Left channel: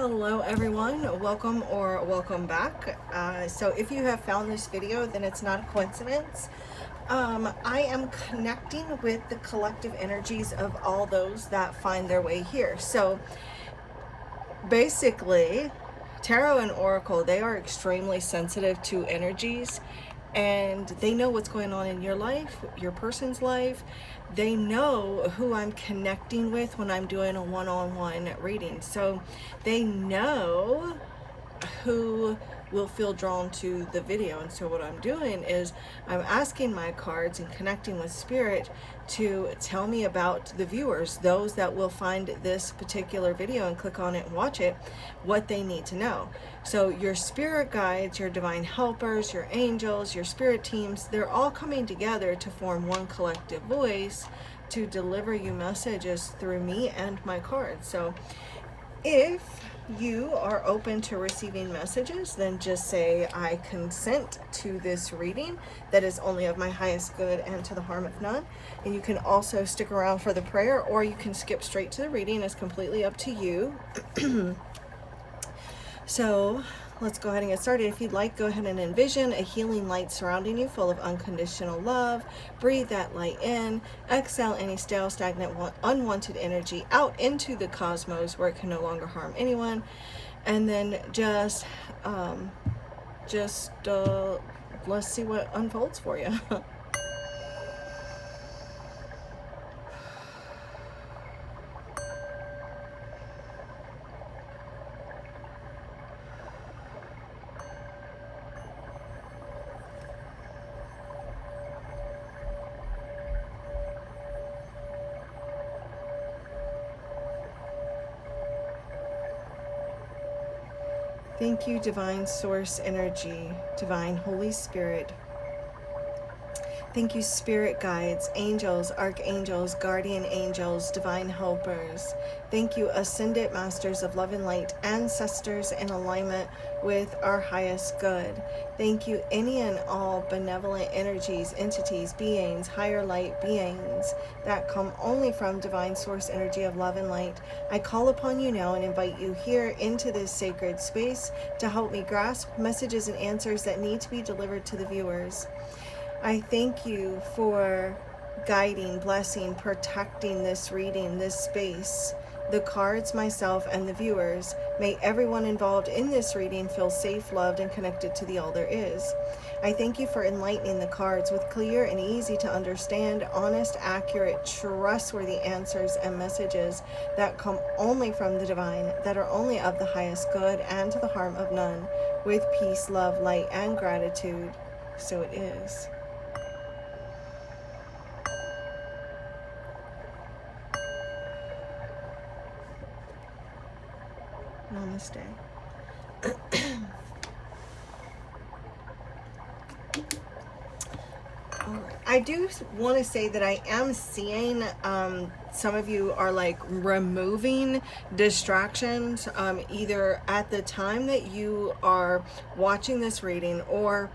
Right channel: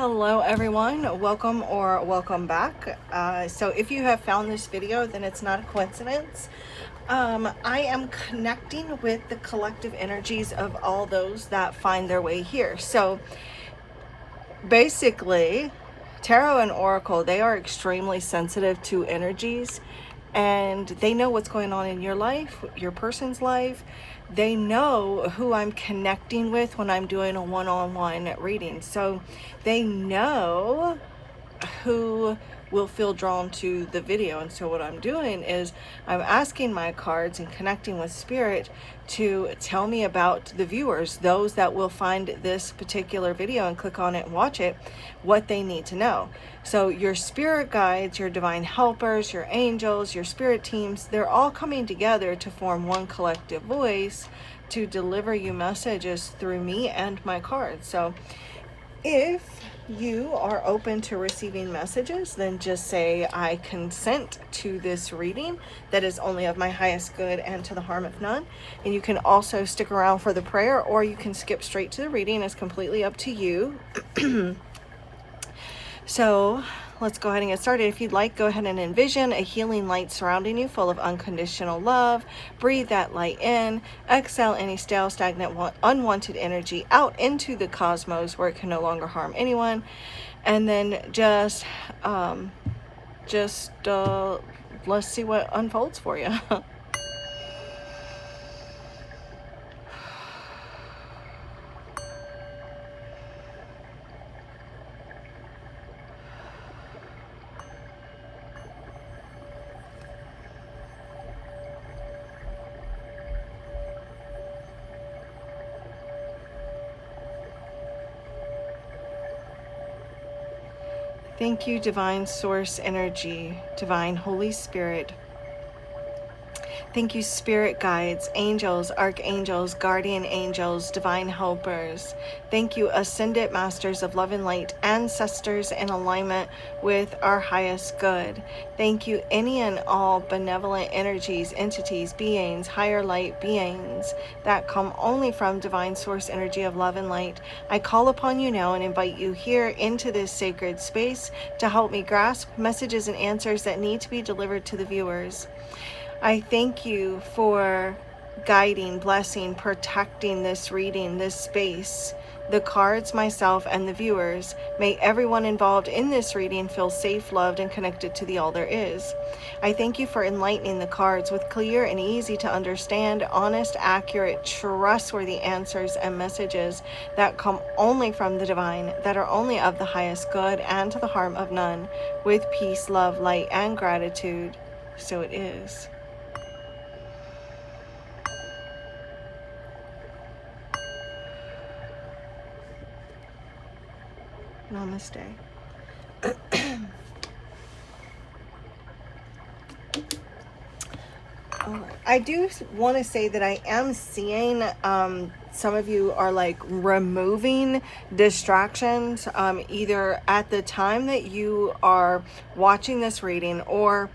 Hello everyone, welcome or welcome back. So if you have found this video, then it's not a coincidence. I am connecting with the collective energies of all those that find their way here. So basically, tarot and oracle, they are extremely sensitive to energies, and they know what's going on in your life, your person's life. They know who I'm connecting with when I'm doing a one-on-one reading. So they know who will feel drawn to the video. And so what I'm doing is I'm asking my cards and connecting with spirit to tell me about the viewers, those that will find this particular video and click on it and watch it, what they need to know. So your spirit guides, your divine helpers, your angels, your spirit teams, they're all coming together to form one collective voice to deliver you messages through me and my cards. So if you are open to receiving messages, then just say, I consent to this reading that is only of my highest good and to the harm of none. And you can also stick around for the prayer, or you can skip straight to the reading. It's completely up to you. So let's go ahead and get started. If you'd like, go ahead and envision a healing light surrounding you full of unconditional love. Breathe that light in. Exhale any stale, stagnant, unwanted energy out into the cosmos where it can no longer harm anyone. And then just let's see what unfolds for you. Thank you, Divine Source Energy, Divine Holy Spirit. Thank you, Spirit Guides, Angels, Archangels, Guardian Angels, Divine Helpers. Thank you, Ascended Masters of Love and Light, Ancestors in alignment with our highest good. Thank you, any and all benevolent energies, entities, beings, higher light beings that come only from Divine Source Energy of Love and Light. I call upon you now and invite you here into this sacred space to help me grasp messages and answers that need to be delivered to the viewers. I thank you for guiding, blessing, protecting this reading, this space, the cards, myself, and the viewers. May everyone involved in this reading feel safe, loved, and connected to the all there is. I thank you for enlightening the cards with clear and easy to understand, honest, accurate, trustworthy answers and messages that come only from the divine, that are only of the highest good and to the harm of none, with peace, love, light, and gratitude. So it is. Namaste. I do want to say that I am seeing some of you are like removing distractions either at the time that you are watching this reading or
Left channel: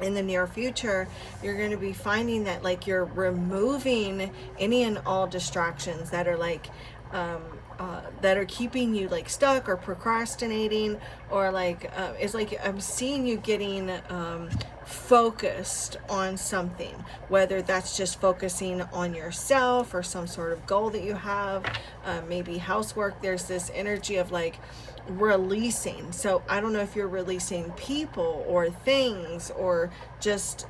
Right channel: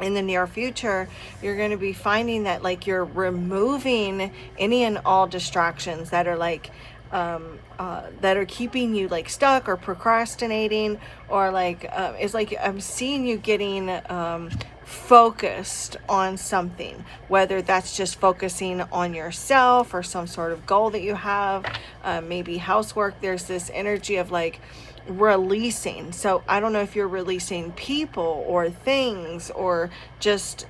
in the near future. You're going to be finding that like you're removing any and all distractions that are like that are keeping you like stuck or procrastinating, or like it's like I'm seeing you getting focused on something, whether that's just focusing on yourself or some sort of goal that you have, maybe housework. There's this energy of like releasing. So I don't know if you're releasing people or things or just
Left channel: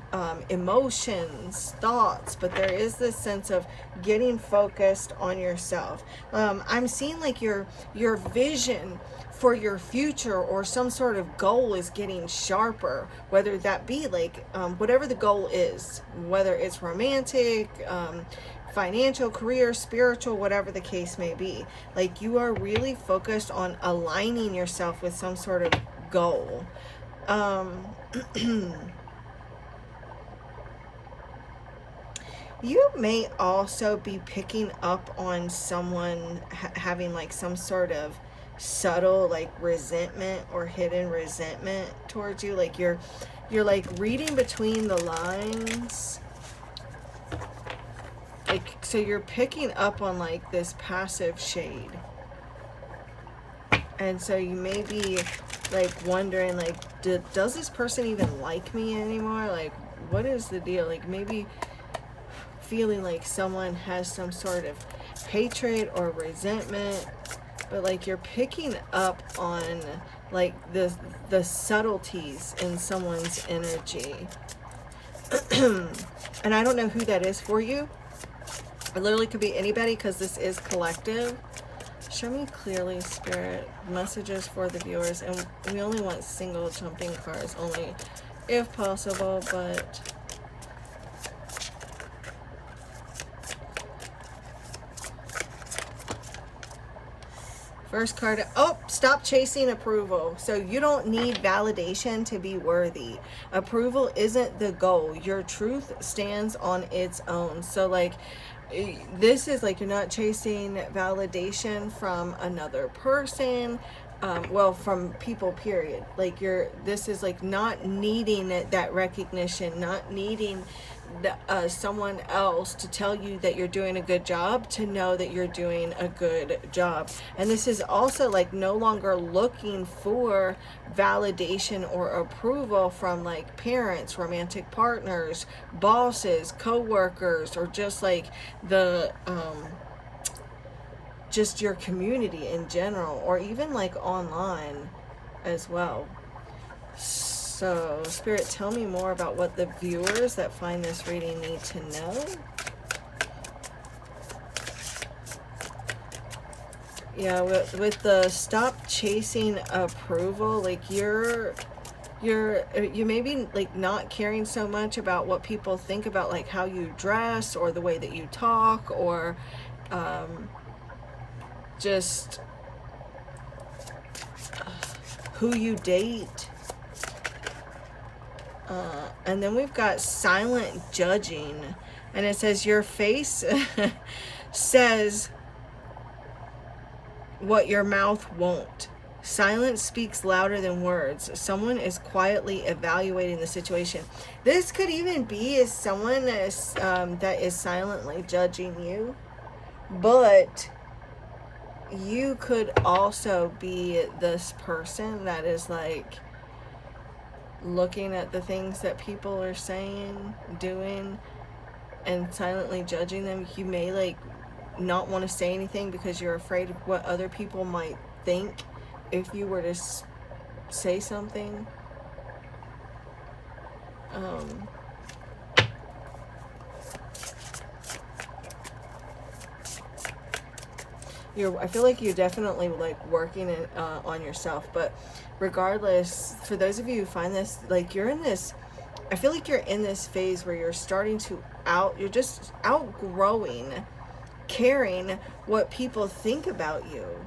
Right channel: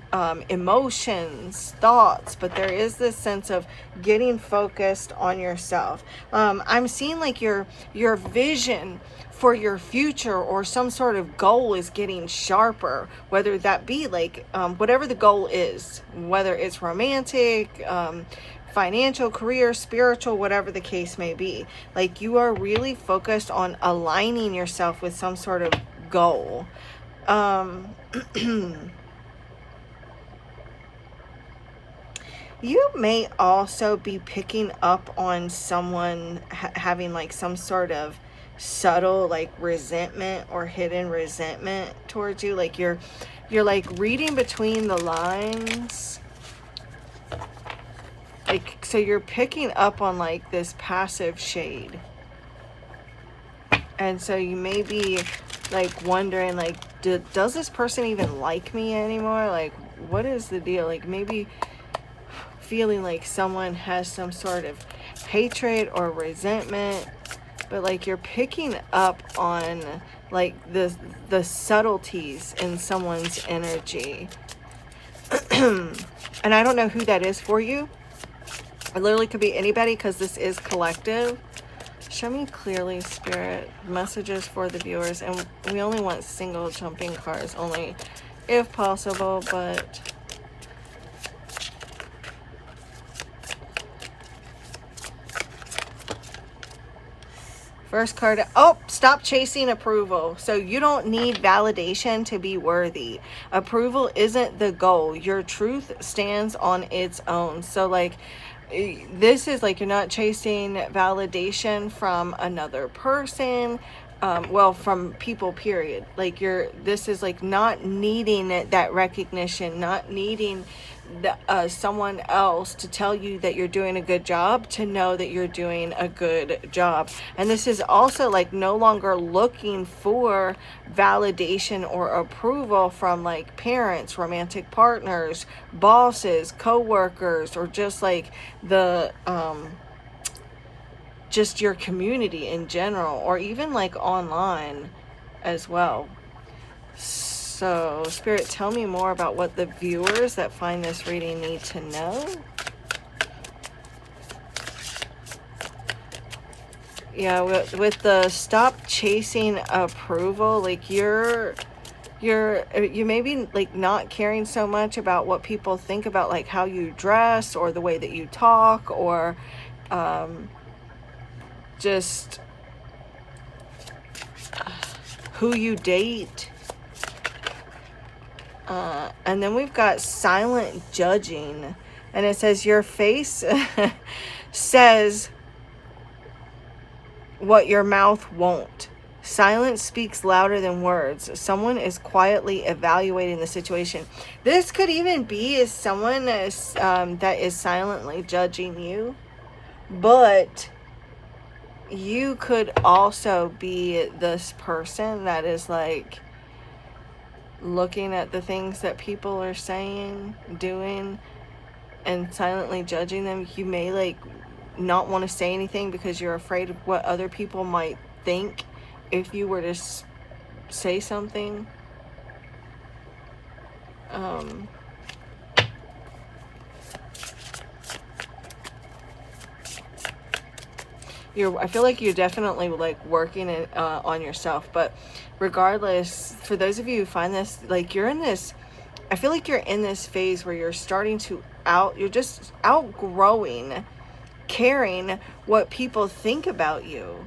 emotions, thoughts, but there is this sense of getting focused on yourself. I'm seeing like your vision for your future or some sort of goal is getting sharper, whether that be like whatever the goal is, whether it's romantic, financial, career, spiritual, whatever the case may be. Like you are really focused on aligning yourself with some sort of goal. You may also be picking up on someone having like some sort of subtle like resentment or hidden resentment towards you. Like you're like reading between the lines. Like, so you're picking up on like this passive shade. And so you may be like wondering, like, does this person even like me anymore? Like, what is the deal? Like, maybe feeling like someone has some sort of hatred or resentment, but like you're picking up on like the subtleties in someone's energy. And I don't know who that is for you. It literally could be anybody, because this is collective. Show me clearly, Spirit, messages for the viewers. And we only want single jumping cards, only if possible, but first card, oh, stop chasing approval. So you don't need validation to be worthy. Approval isn't the goal. Your truth stands on its own. So like, this is like, you're not chasing validation from another person, well, from people, period. Like this is like not needing that recognition, not needing someone else to tell you that you're doing a good job, to know that you're doing a good job. And this is also like no longer looking for validation or approval from like parents, romantic partners, bosses, co-workers, or just like the just your community in general, or even like online as well. So, Spirit, tell me more about what the viewers that find this reading need to know. Yeah, with the stop chasing approval, like you may be like not caring so much about what people think about like how you dress or the way that you talk, or just who you date. And then we've got silent judging, and it says your face says what your mouth won't. Silence speaks louder than words. Someone is quietly evaluating the situation. This could even be as someone that is silently judging you, but you could also be this person that is like looking at the things that people are saying, doing, and silently judging them. You may like not want to say anything because you're afraid of what other people might think if you were to say something. I feel like you're definitely like working on yourself, but regardless, for those of you who find this, like you're in this, I feel like you're in this phase where you're starting to you're just outgrowing caring what people think about you.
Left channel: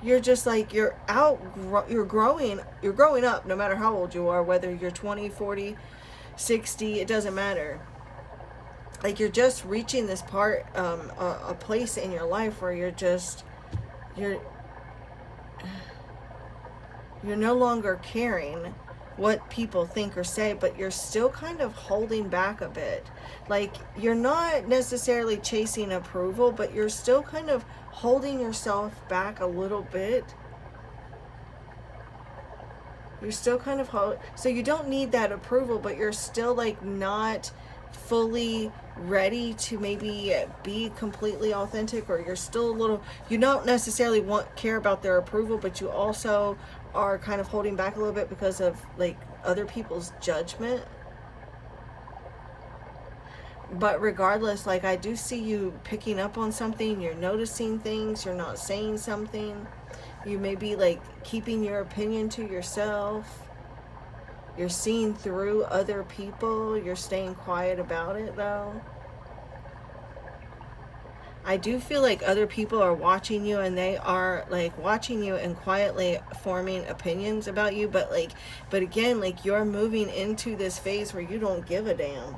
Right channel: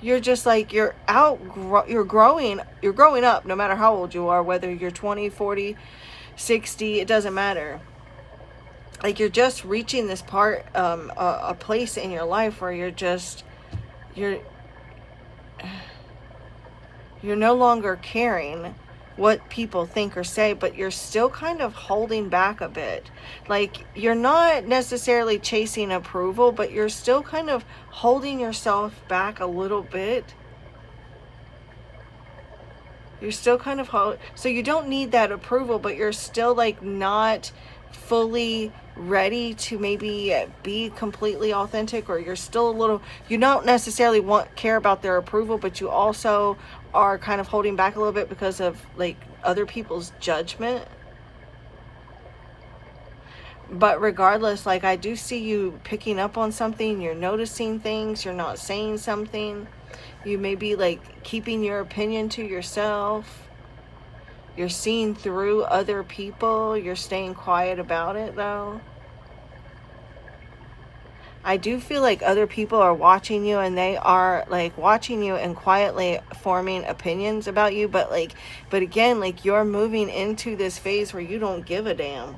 You're just like, you're growing up, no matter how old you are, whether you're 20, 40, 60, it doesn't matter. Like you're just reaching this part, a place in your life where you're no longer caring what people think or say, but you're still kind of holding back a bit. Like you're not necessarily chasing approval, but you're still kind of holding yourself back a little bit. You're still kind of so you don't need that approval, but you're still like not fully ready to maybe be completely authentic, or you're still a little, you don't necessarily care about their approval, but you also are kind of holding back a little bit because of like other people's judgment. But regardless, like I do see you picking up on something, you're noticing things, you're not saying something. You may be like keeping your opinion to yourself. You're seeing through other people. You're staying quiet about it though. I do feel like other people are watching you, and they are like watching you and quietly forming opinions about you. But again, like you're moving into this phase where you don't give a damn.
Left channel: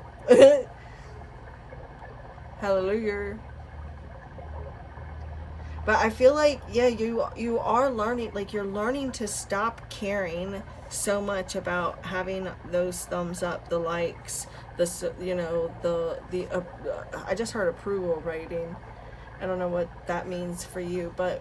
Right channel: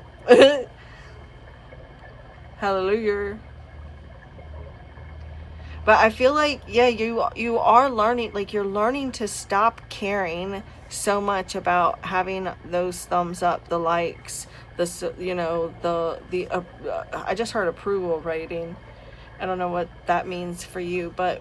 Hallelujah. But I feel like, yeah, you are learning, like you're learning to stop caring so much about having those thumbs up, the likes, I just heard approval rating. I don't know what that means for you, but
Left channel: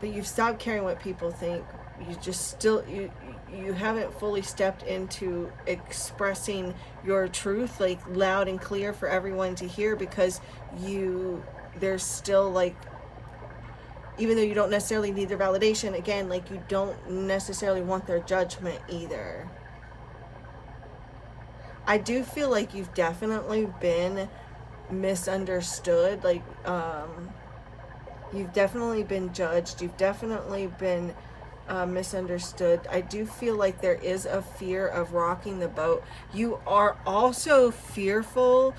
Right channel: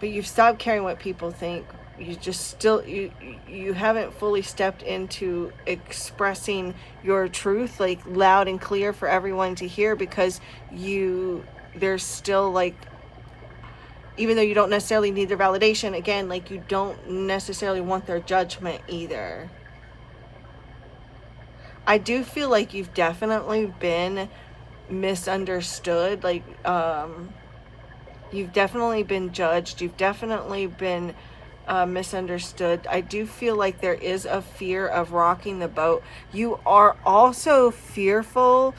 but you've stopped caring what people think. You just still, you haven't fully stepped into expressing your truth like loud and clear for everyone to hear, because there's still like, even though you don't necessarily need their validation, again, like you don't necessarily want their judgment either. I do feel like you've definitely been misunderstood. Like, you've definitely been judged. You've definitely been misunderstood. I do feel like there is a fear of rocking the boat. You are also fearful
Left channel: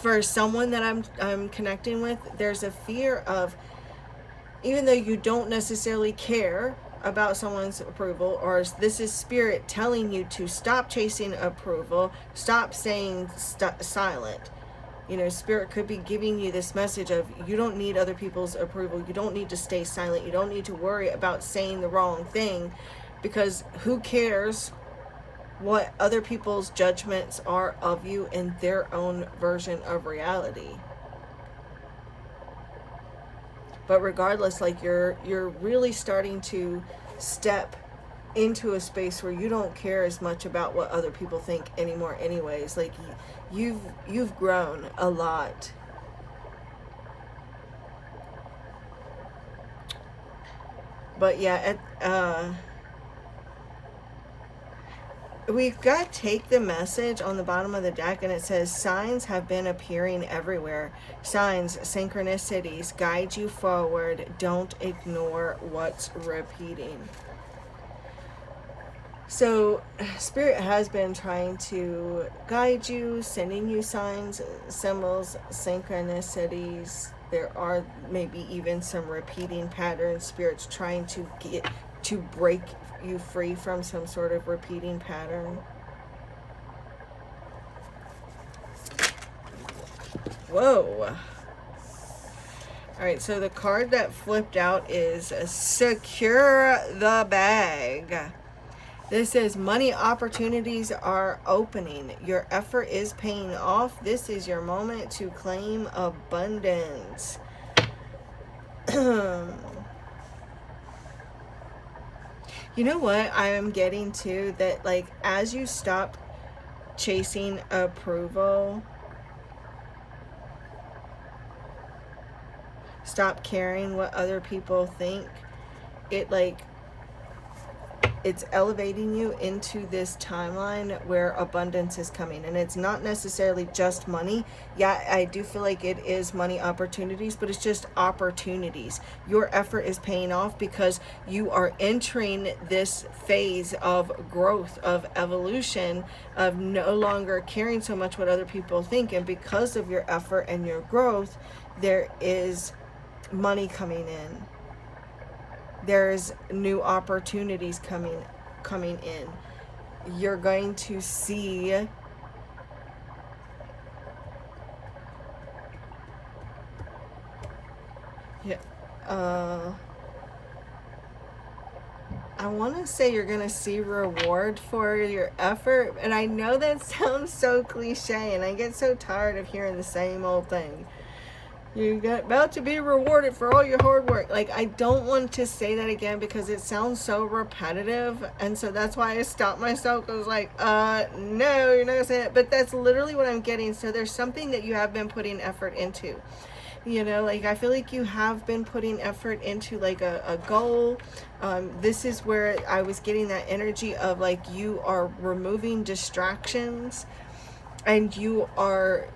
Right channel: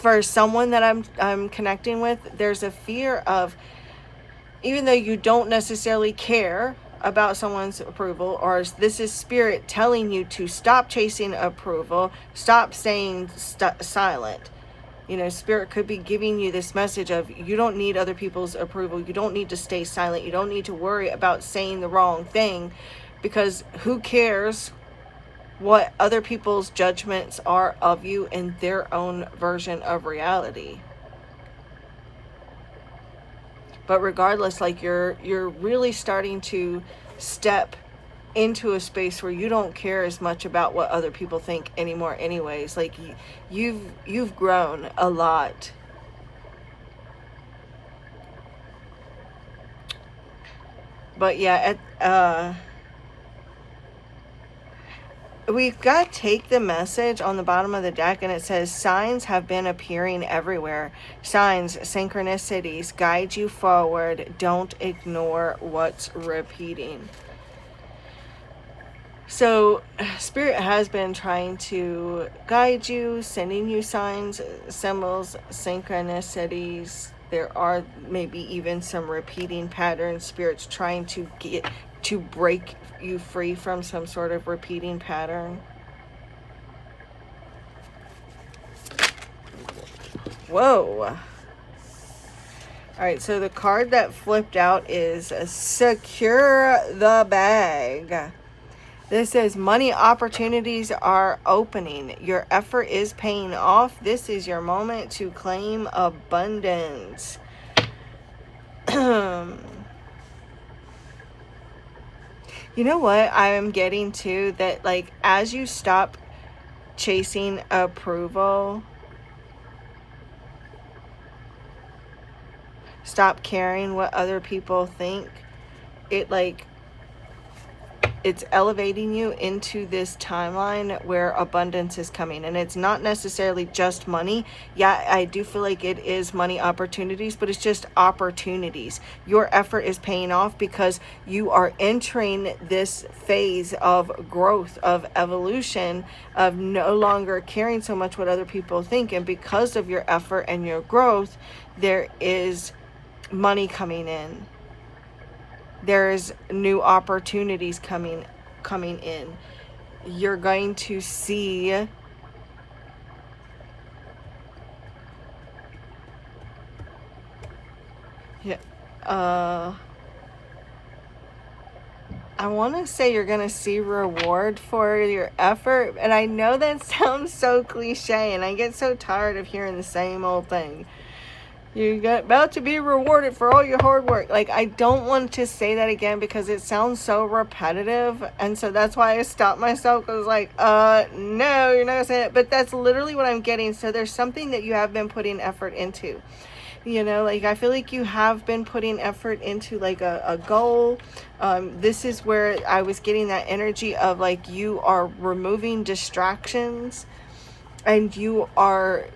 for someone that I'm connecting with. There's a fear of, even though you don't necessarily care about someone's approval, or this is spirit telling you to stop chasing approval, stop staying silent. You know, spirit could be giving you this message of, you don't need other people's approval. You don't need to stay silent. You don't need to worry about saying the wrong thing, because who cares what other people's judgments are of you in their own version of reality. But regardless, like you're really starting to step into a space where you don't care as much about what other people think anymore anyways. Like you've grown a lot. But yeah, we've got take the message on the bottom of the deck, and it says signs have been appearing everywhere. Signs, synchronicities guide you forward. Don't ignore what's repeating. So spirit has been trying to guide you, sending you signs, symbols, synchronicities. There are maybe even some repeating patterns. Spirit's trying to get to break you free from some sort of repeating pattern. Whoa. All right, so the card that flipped out is secure the bag. This says money opportunities are opening. Your effort is paying off. This is your moment to claim abundance. You know what I'm getting to? That like as you stop chasing approval, stop caring what other people think, it's elevating you into this timeline where abundance is coming. And it's not necessarily just money. Yeah, I do feel like it is money opportunities, but it's just opportunities. Your effort is paying off because you are entering this phase of growth, of evolution, of no longer caring so much what other people think. And because of your effort and your growth, there is money coming in. There's new opportunities coming in. You're going to see I want to say you're going to see reward for your effort, and I know that sounds so cliche, and I get so tired of hearing the same old thing. You're about to be rewarded for all your hard work. Like, I don't want to say that again because it sounds so repetitive. And so that's why I stopped myself. I was like, no, you're not saying it. But that's literally what I'm getting. So there's something that you have been putting effort into. You know, like I feel like you have been putting effort into like a goal. This is where I was getting that energy of like you are removing distractions, and you are...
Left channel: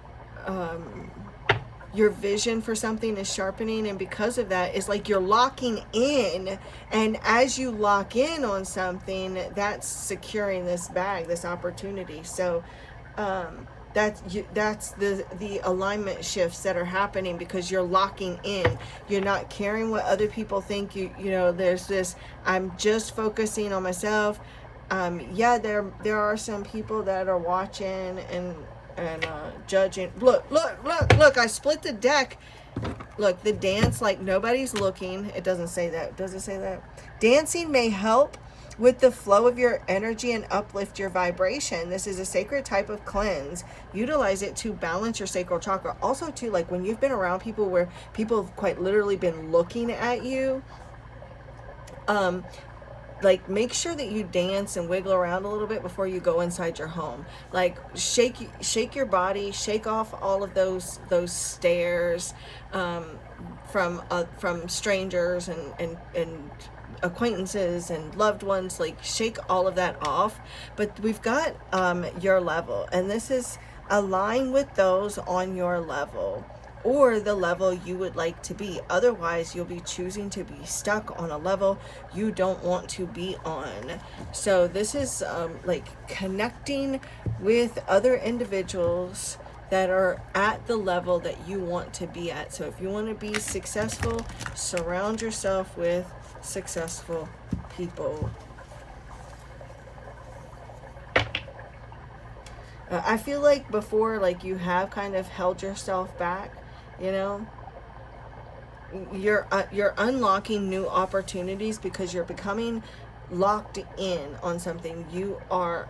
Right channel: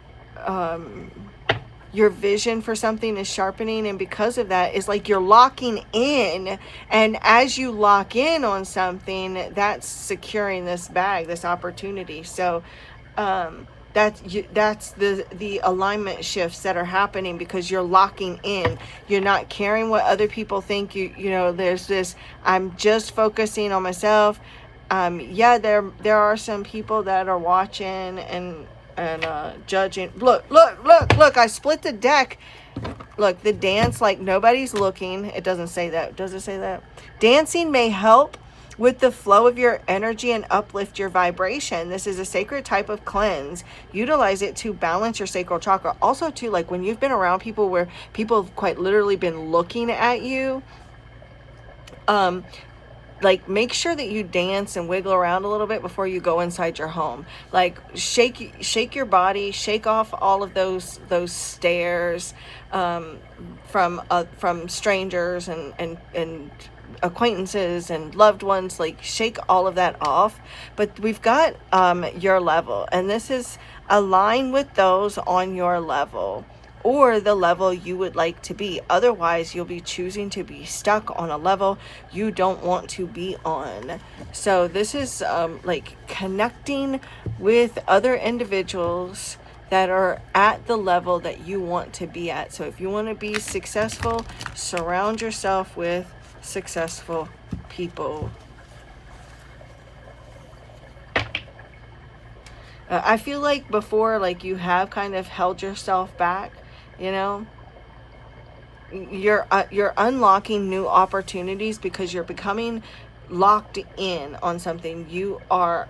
your vision for something is sharpening, and because of that, it's like you're locking in, and as you lock in on something, that's securing this bag, this opportunity. So that's the alignment shifts that are happening because you're locking in. You're not caring what other people think. You know, there's this, I'm just focusing on myself. Yeah, there are some people that are watching and judging. Look, I split the deck. Look, the dance, like nobody's looking. It doesn't say that. Does it say that? Dancing may help with the flow of your energy and uplift your vibration. This is a sacred type of cleanse. Utilize it to balance your sacral chakra. Also too, like when you've been around people where people have quite literally been looking at you, Um, like, make sure that you dance and wiggle around a little bit before you go inside your home. Like, shake your body, shake off all of those stares, from strangers and acquaintances and loved ones. Like, shake all of that off. But we've got your level, and this is align with those on your level, or the level you would like to be. Otherwise, you'll be choosing to be stuck on a level you don't want to be on. So this is like connecting with other individuals that are at the level that you want to be at. So if you want to be successful, surround yourself with successful people. I feel like before, like, you have kind of held yourself back, you know. You're unlocking new opportunities because you're becoming locked in on something. You are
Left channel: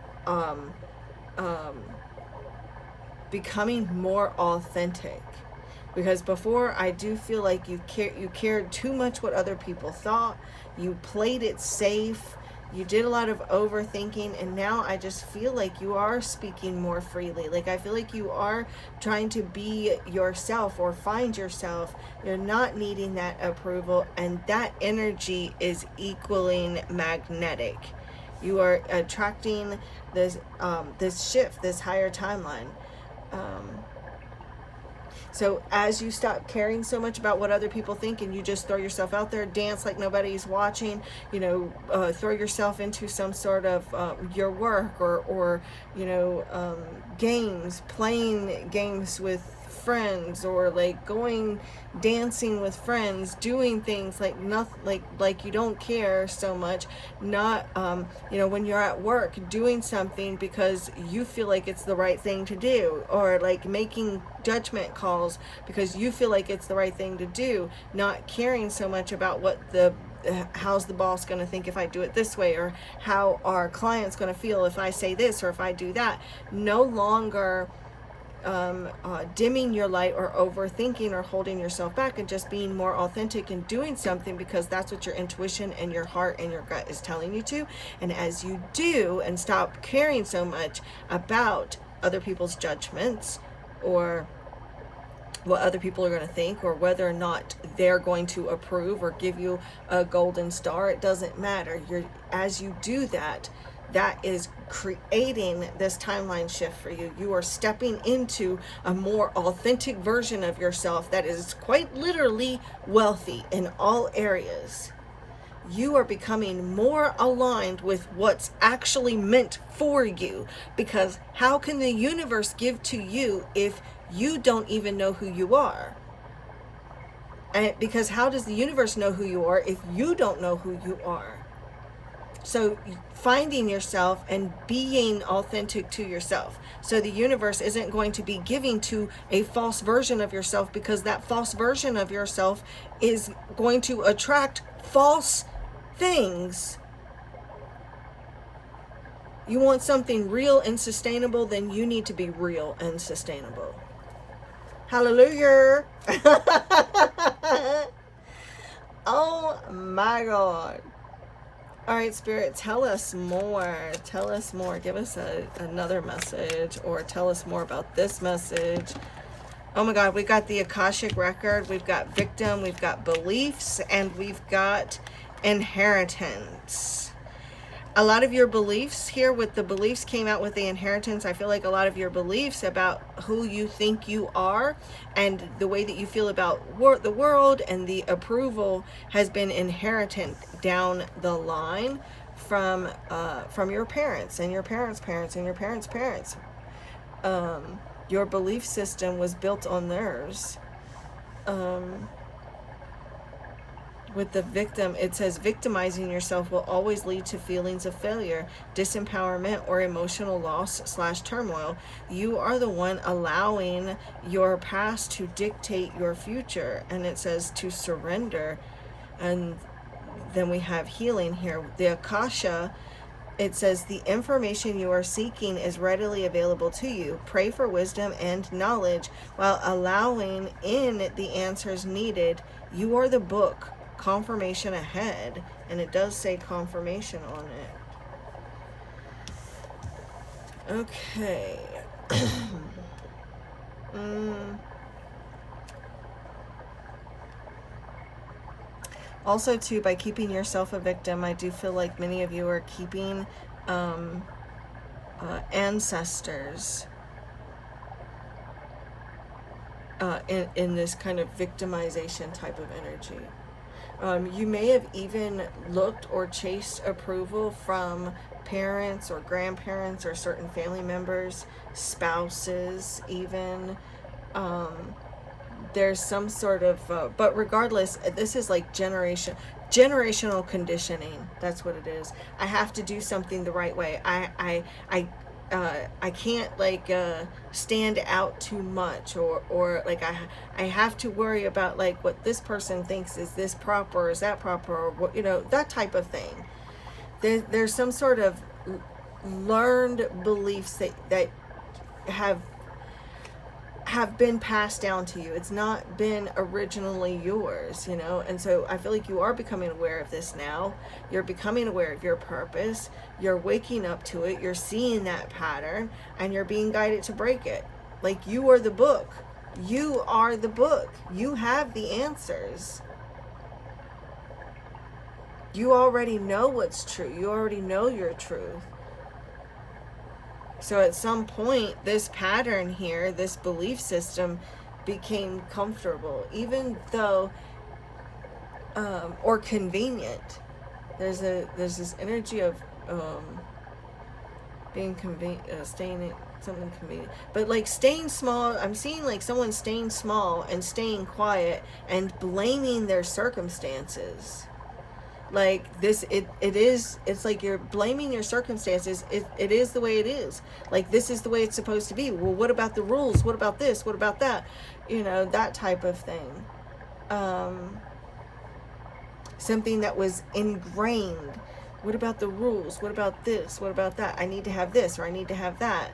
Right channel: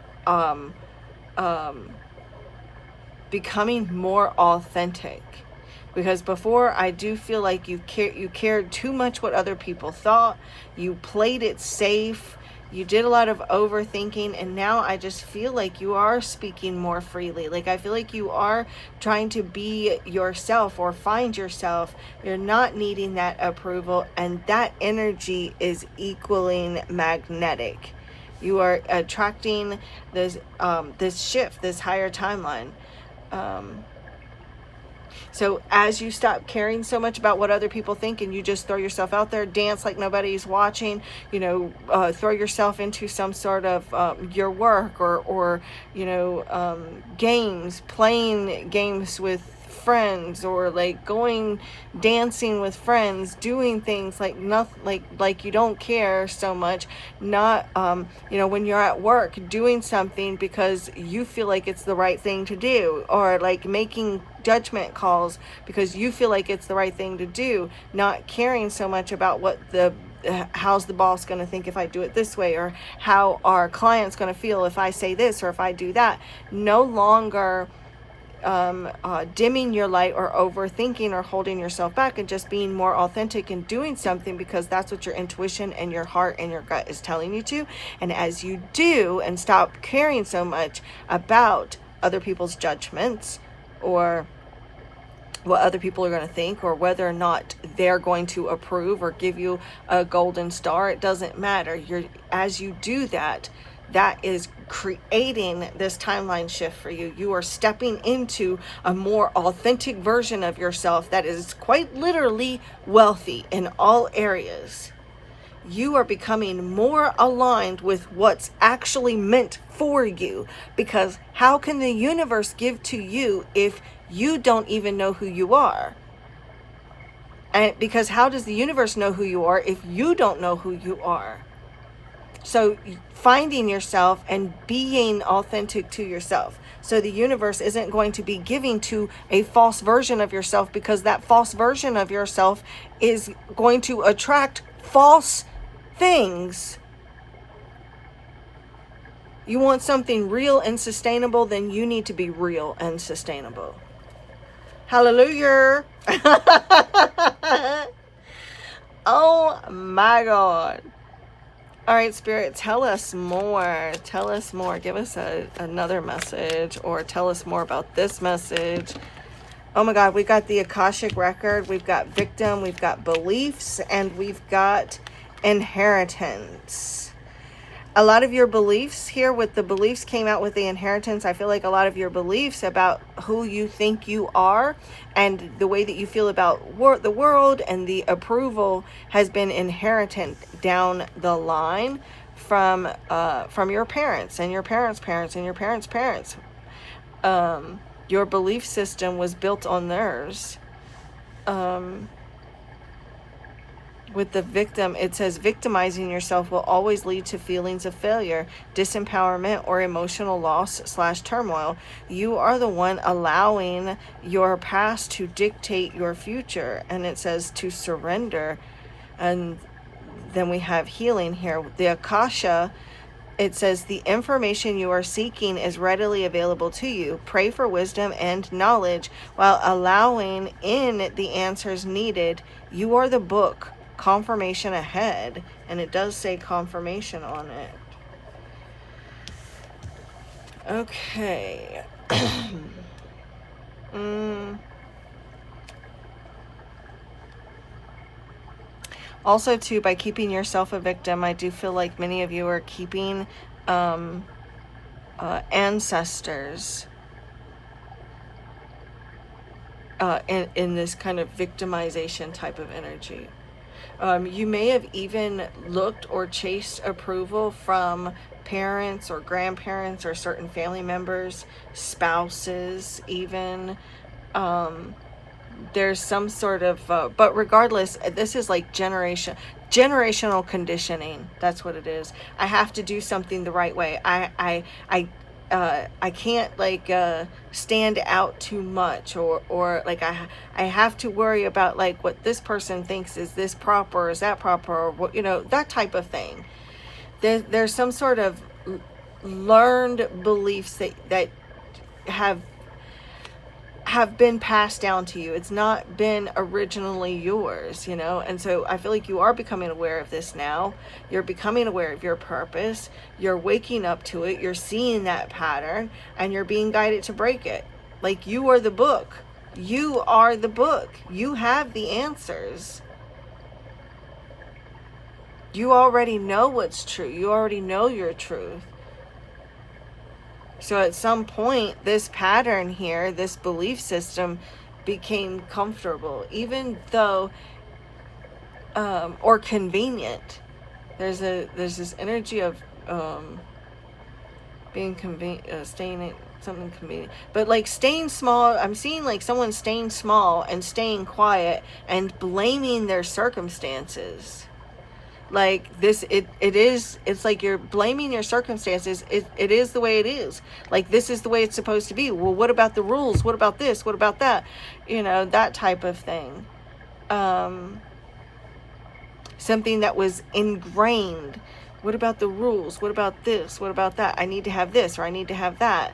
becoming more authentic, because before, I do feel like you cared too much what other people thought. You played it safe. You did a lot of overthinking, and now I just feel like you are speaking more freely. Like, I feel like you are trying to be yourself or find yourself. You're not needing that approval, and that energy is equaling magnetic. You are attracting this shift, this higher timeline. So as you stop caring so much about what other people think, and you just throw yourself out there, dance like nobody's watching, you know, throw yourself into some sort of your work, or you know, games, playing games with friends, or like going dancing with friends, doing things like nothing, like you don't care so much. Not you know, when you're at work, doing something because you feel like it's the right thing to do, or like making judgment calls because you feel like it's the right thing to do, not caring so much about what how's the boss going to think if I do it this way, or how our client's going to feel if I say this or if I do that. No longer dimming your light or overthinking or holding yourself back, and just being more authentic and doing something because that's what your intuition and your heart and your gut is telling you to. And as you do and stop caring so much about other people's judgments, or what other people are going to think, or whether or not they're going to approve or give you a golden star, it doesn't matter. As you do that, that is creating this timeline shift for you. You are stepping into a more authentic version of yourself that is quite literally wealthy in all areas. You are becoming more aligned with what's actually meant for you, because how can the universe give to you if you don't even know who you are? And because how does the universe know who you are if you don't know who you are? So finding yourself and being authentic to yourself. So the universe isn't going to be giving to a false version of yourself, because that false version of yourself is going to attract false things. You want something real and sustainable, then you need to be real and sustainable. Hallelujah. Oh my God. All right, Spirit, tell us more. Tell us more. Give us another message, or tell us more about this message. Oh my God, we got the Akashic record. We've got victim. We've got beliefs, and we've got inheritance. A lot of your beliefs here, with the beliefs came out with the inheritance. I feel like a lot of your beliefs about who you think you are and the way that you feel about the world and the approval has been inherited down the line from your parents and your parents' parents and your parents' parents. Your belief system was built on theirs. With the victim, it says victimizing yourself will always lead to feelings of failure, disempowerment, or emotional loss / turmoil. You are the one allowing your past to dictate your future. And it says to surrender. And then we have healing here. The Akasha, it says the information you are seeking is readily available to you. Pray for wisdom and knowledge while allowing in the answers needed. You are the book confirmation ahead, and it does say confirmation on it. Okay. Also, too, by keeping yourself a victim, I do feel like many of you are keeping ancestors in this kind of victimization type of energy. You may have even looked or chased approval from parents or grandparents or certain family members, spouses even. There's some sort of, but regardless, this is like generational conditioning. That's what it is. I have to do something the right way. I can't like stand out too much, or like I have to worry about like what this person thinks. Is this proper? Or is that proper? Or what, you know, that type of thing. There's some sort of learned beliefs that have been passed down to you. It's not been originally yours, you know. And so I feel like you are becoming aware of this now. You're becoming aware of your purpose. You're waking up to it. You're seeing that pattern, and you're being guided to break it. Like, you are the book. You are the book. You have the answers. You already know what's true. You already know your truth. So at some point, this pattern here, this belief system became comfortable, even though, or convenient. There's this energy of being staying in something convenient. But like staying small, I'm seeing like someone staying small and staying quiet and blaming their circumstances. Like this, it's like you're blaming your circumstances. It is the way it is. Like, this is the way it's supposed to be. Well, what about the rules? What about this? What about that? You know, that type of thing. Something that was ingrained. What about the rules? What about this? What about that? I need to have this, or I need to have that.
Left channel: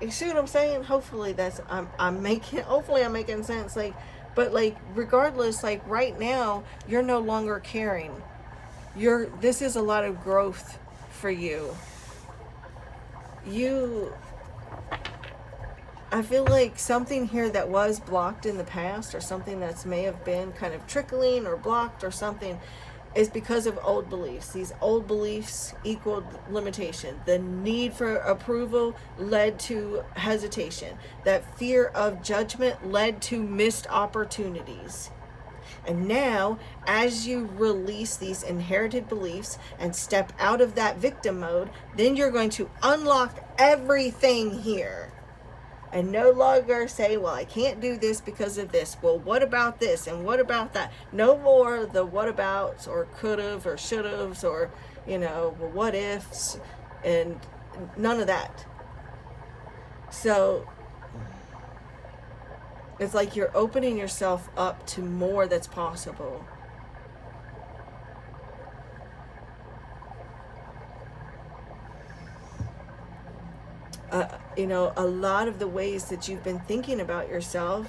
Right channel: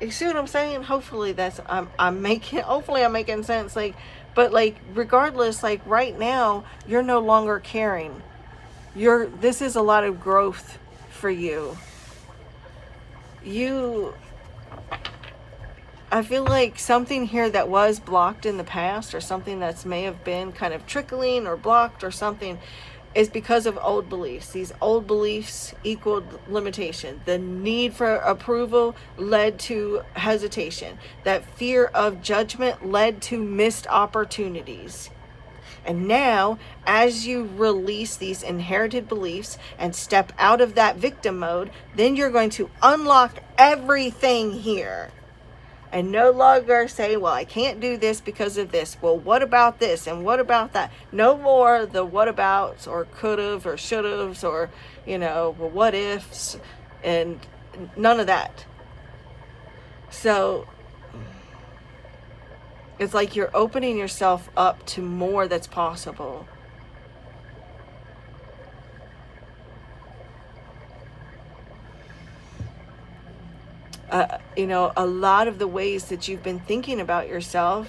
You see what I'm saying? Hopefully I'm making sense. Like, but like, regardless, like right now, you're no longer caring. This is a lot of growth for you. I feel like something here that was blocked in the past, or something that's may have been kind of trickling or blocked or something, is because of old beliefs. These old beliefs equaled limitation. The need for approval led to hesitation. That fear of judgment led to missed opportunities. And now, as you release these inherited beliefs and step out of that victim mode, then you're going to unlock everything here. And no longer say, well, I can't do this because of this. Well, what about this? And what about that? No more the what abouts or could've or should've or, you know, well, what ifs, and none of that. So it's like you're opening yourself up to more that's possible. You know, a lot of the ways that you've been thinking about yourself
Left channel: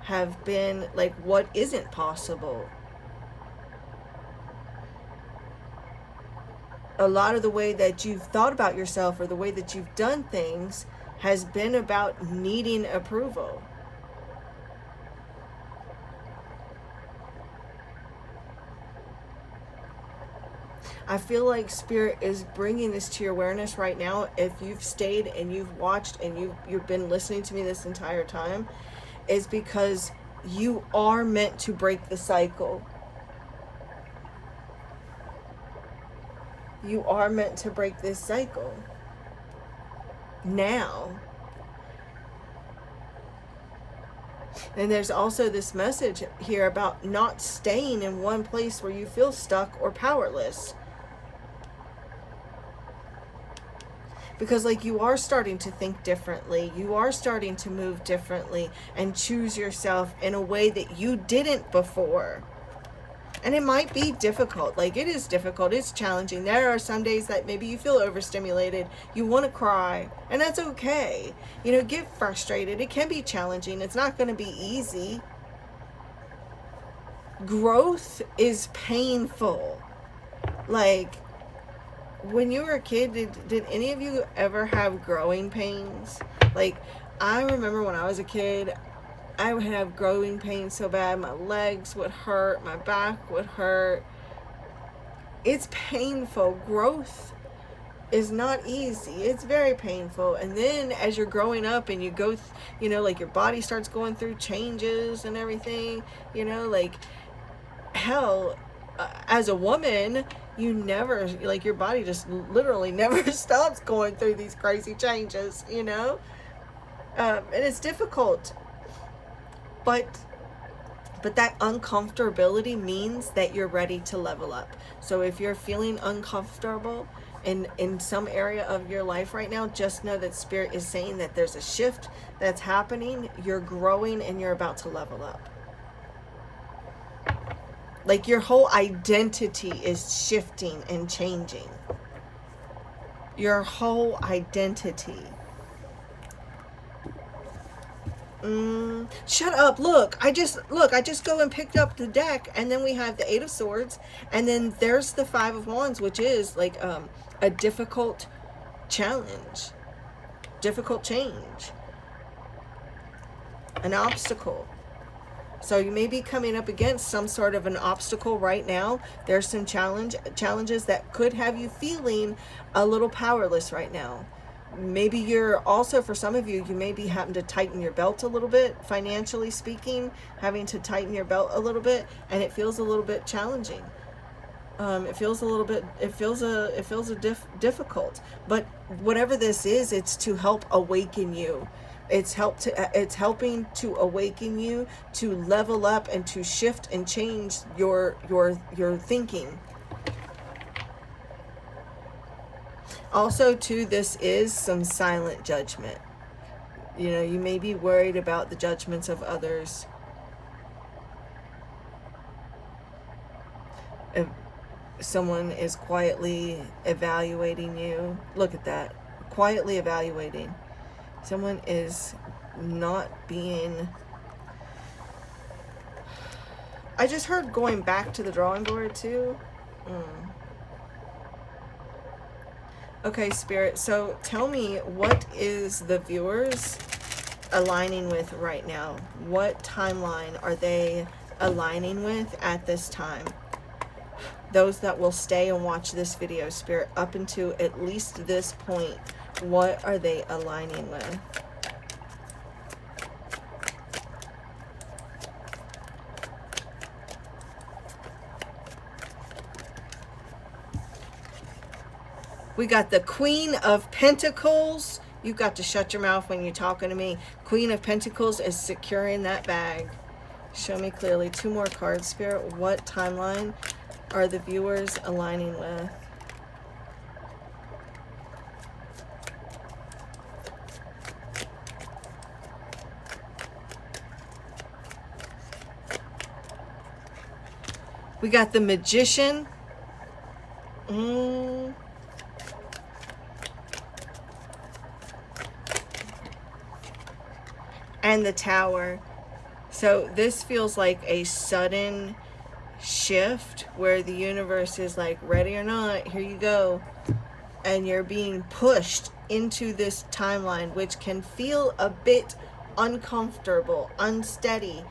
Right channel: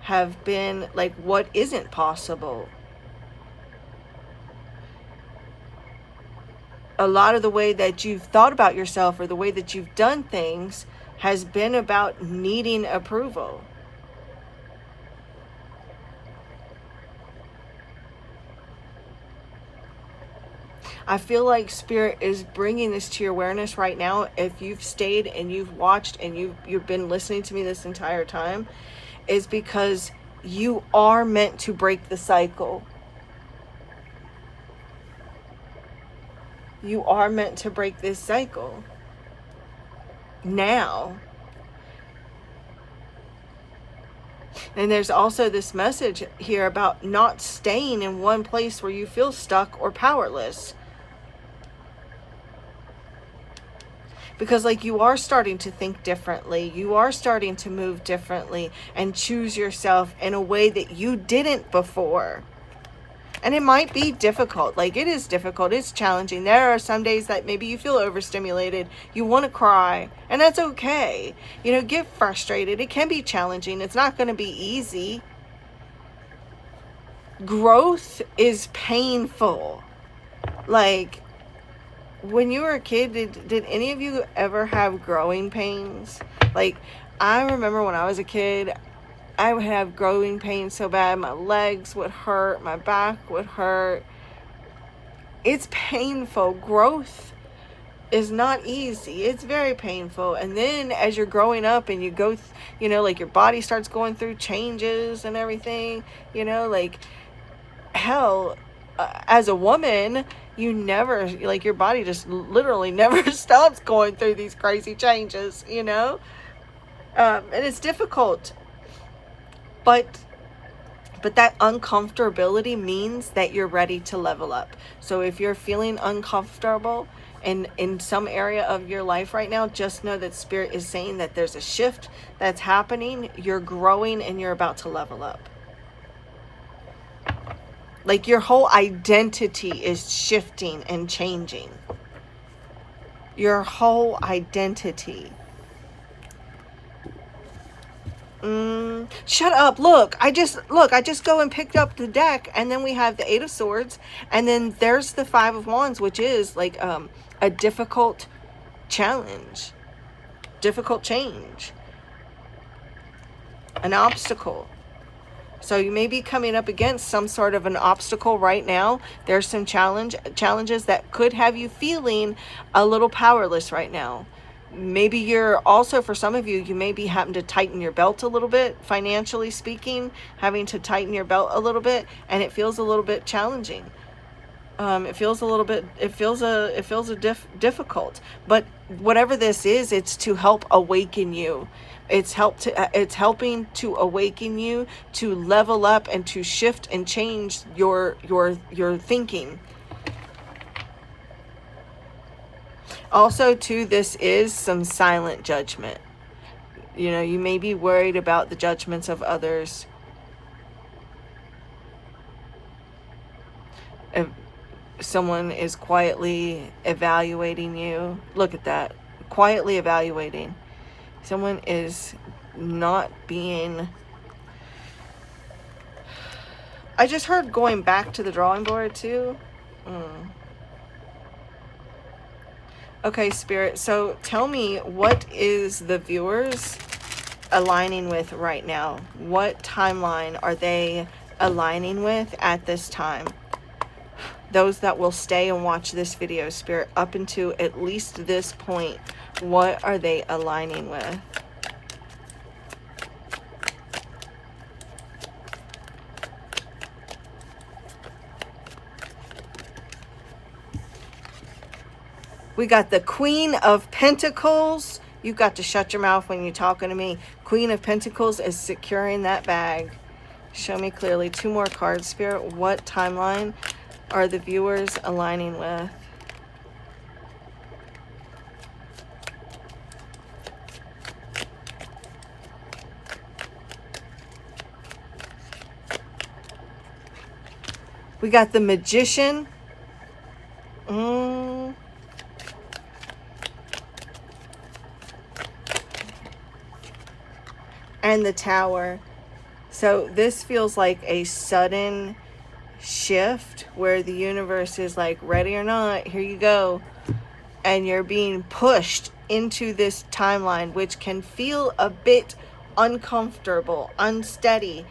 have been like, what isn't possible? A lot of the way that you've thought about yourself, or the way that you've done things, has been about needing approval. I feel like Spirit is bringing this to your awareness right now. If you've stayed and you've watched and you've been listening to me this entire time, is because you are meant to break the cycle. You are meant to break this cycle now. And there's also this message here about not staying in one place where you feel stuck or powerless. Because like, you are starting to think differently. You are starting to move differently and choose yourself in a way that you didn't before. And it might be difficult. Like, it is difficult. It's challenging. There are some days that maybe you feel overstimulated. You want to cry. And that's okay. You know, get frustrated. It can be challenging. It's not going to be easy. Growth is painful. Like, when you were a kid, did any of you ever have growing pains? Like, I remember when I was a kid, I would have growing pains so bad. My legs would hurt. My back would hurt. It's painful. Growth is not easy. It's very painful. And then as you're growing up and you go, you know, like your body starts going through changes and everything, you know, like, hell, as a woman, you never, like, your body just literally never stops going through these crazy changes, you know? And it's difficult. But that uncomfortability means that you're ready to level up. So if you're feeling uncomfortable in some area of your life right now, just know that Spirit is saying that there's a shift that's happening. You're growing and you're about to level up. Like, your whole identity is shifting and changing. Your whole identity. Shut up. Look, I just go and picked up the deck, and then we have the 8 of Swords, and then there's the 5 of Wands, which is like a difficult challenge, difficult change, an obstacle. So you may be coming up against some sort of an obstacle right now. There's some challenges that could have you feeling a little powerless right now. Maybe you're also, for some of you, you may be having to tighten your belt a little bit, financially speaking, having to tighten your belt a little bit, and it feels a little bit challenging. It feels difficult. But whatever this is, it's to help awaken you. It's helping to awaken you to level up and to shift and change your thinking. Also, too, this is some silent judgment. You know, you may be worried about the judgments of others. If someone is quietly evaluating you, look at that. Quietly evaluating. Someone is not being... I just heard going back to the drawing board, too. Okay, Spirit, so tell me, what is the viewers aligning with right now? What timeline are they aligning with at this time? Those that will stay and watch this video, Spirit, up until at least this point, what are they aligning with? We got the Queen of Pentacles. You've got to shut your mouth when you're talking to me. Queen of Pentacles is securing that bag. Show me clearly. 2 more cards, Spirit. What timeline are the viewers aligning with? We got the Magician. And the Tower. So this feels like a sudden shift where the universe is like, ready or not, here you go. And you're being pushed into this timeline, which can feel a bit uncomfortable, unsteady.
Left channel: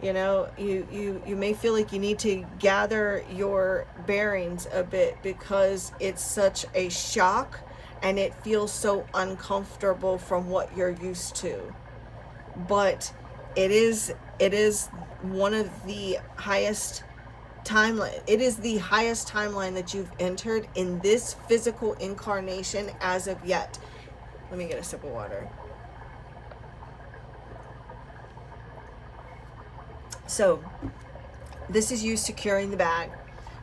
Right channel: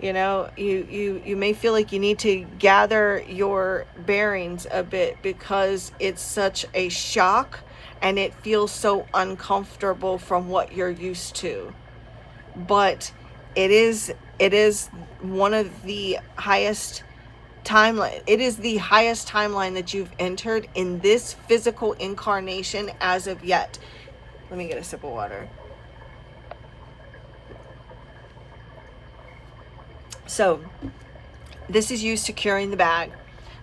You know, you may feel like you need to gather your bearings a bit because it's such a shock and it feels so uncomfortable from what you're used to. But it is one of the highest timeline. It is the highest timeline that you've entered in this physical incarnation as of yet. Let me get a sip of water. So this is you securing the bag.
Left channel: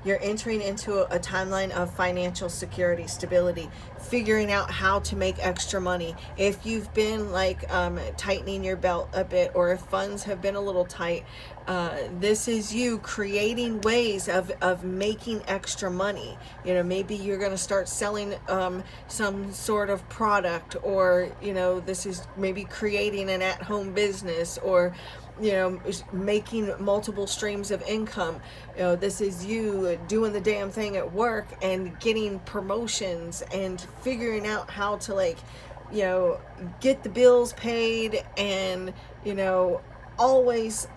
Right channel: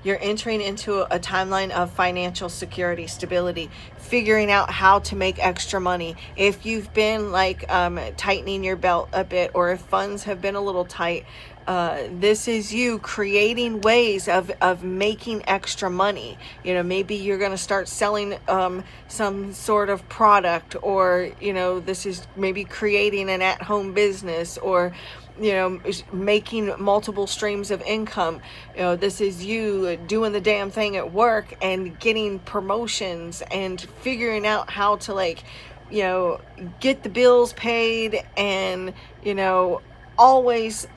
You're entering into a timeline of financial security, stability, figuring out how to make extra money. If you've been like tightening your belt a bit, or if funds have been a little tight, This is you creating ways of making extra money. You know, maybe you're going to start selling some sort of product, or, you know, this is maybe creating an at-home business, or, you know, making multiple streams of income. You know, this is you doing the damn thing at work and getting promotions and figuring out how to, like, you know, get the bills paid, and, you know, always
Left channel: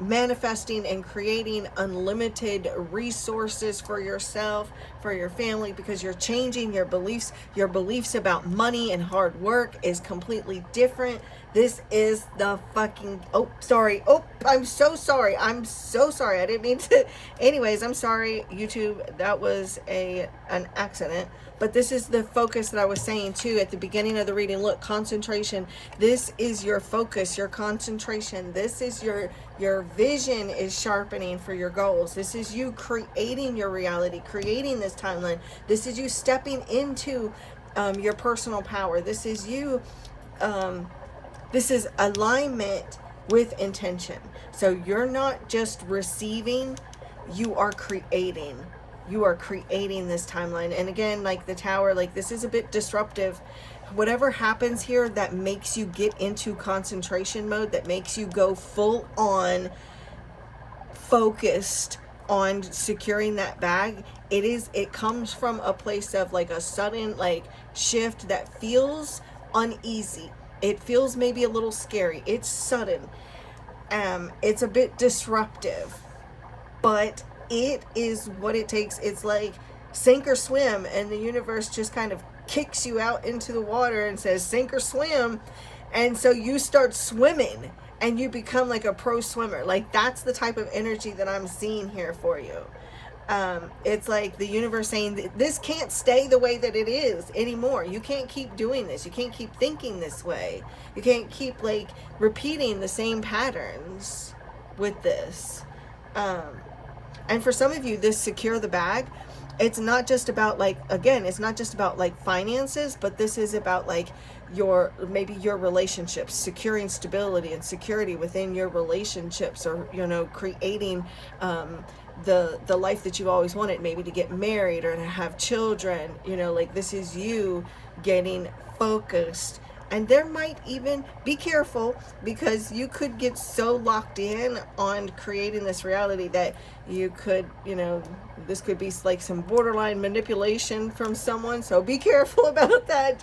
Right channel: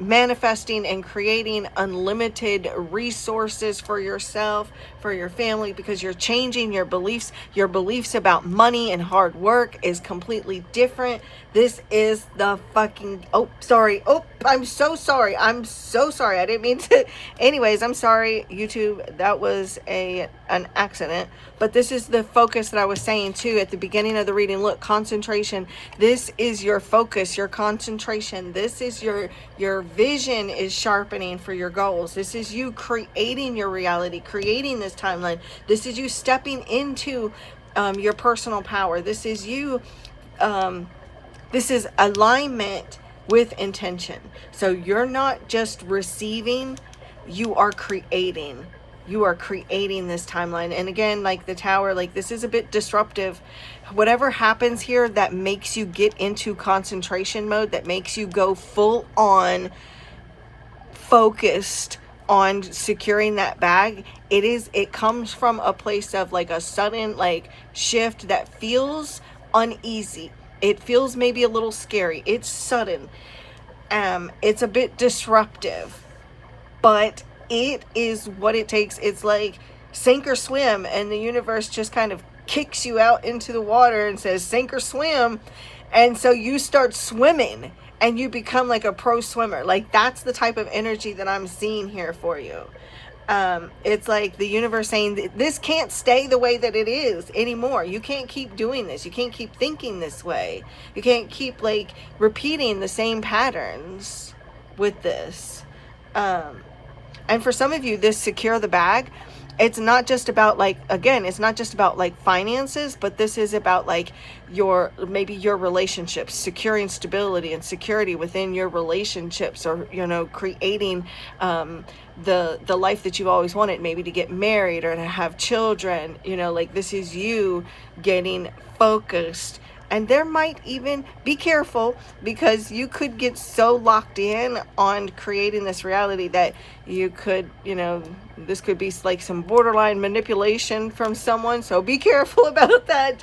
manifesting and creating unlimited resources for yourself, for your family, because you're changing your beliefs. Your beliefs about money and hard work is completely different. This is the fucking, oh, sorry. Oh, I'm so sorry. I'm so sorry. I didn't mean to. Anyways, I'm sorry, YouTube. That was an accident. But this is the focus that I was saying too at the beginning of the reading. Look, concentration. This is your focus, your concentration. This is your vision is sharpening for your goals. This is you creating your reality, creating this timeline. This is you stepping into your personal power. This is you, this is alignment with intention. So you're not just receiving, you are creating. You are creating this timeline. And again, like the tower, like this is a bit disruptive. Whatever happens here that makes you get into concentration mode, that makes you go full on focused on securing that bag, it comes from a place of like a sudden like shift that feels uneasy. It feels maybe a little scary. It's sudden. It's a bit disruptive, but it is what it takes. It's like sink or swim, and the universe just kind of kicks you out into the water and says sink or swim. And so you start swimming and you become like a pro swimmer. Like that's the type of energy that I'm seeing here for you. It's like the universe saying this can't stay the way that it is anymore. You can't keep doing this. You can't keep thinking this way. You can't keep like repeating the same patterns with this. And for some of you, this secure the bag, it's not just about like, again, it's not just about like finances, but this is about like maybe your relationships, securing stability and security within your relationships, or, you know, creating the life that you've always wanted, maybe to get married or to have children. You know, like this is you getting focused. And there might even be careful, because you could get so locked in on creating this reality that you could, you know, this could be like some borderline manipulation from someone. So be careful about that.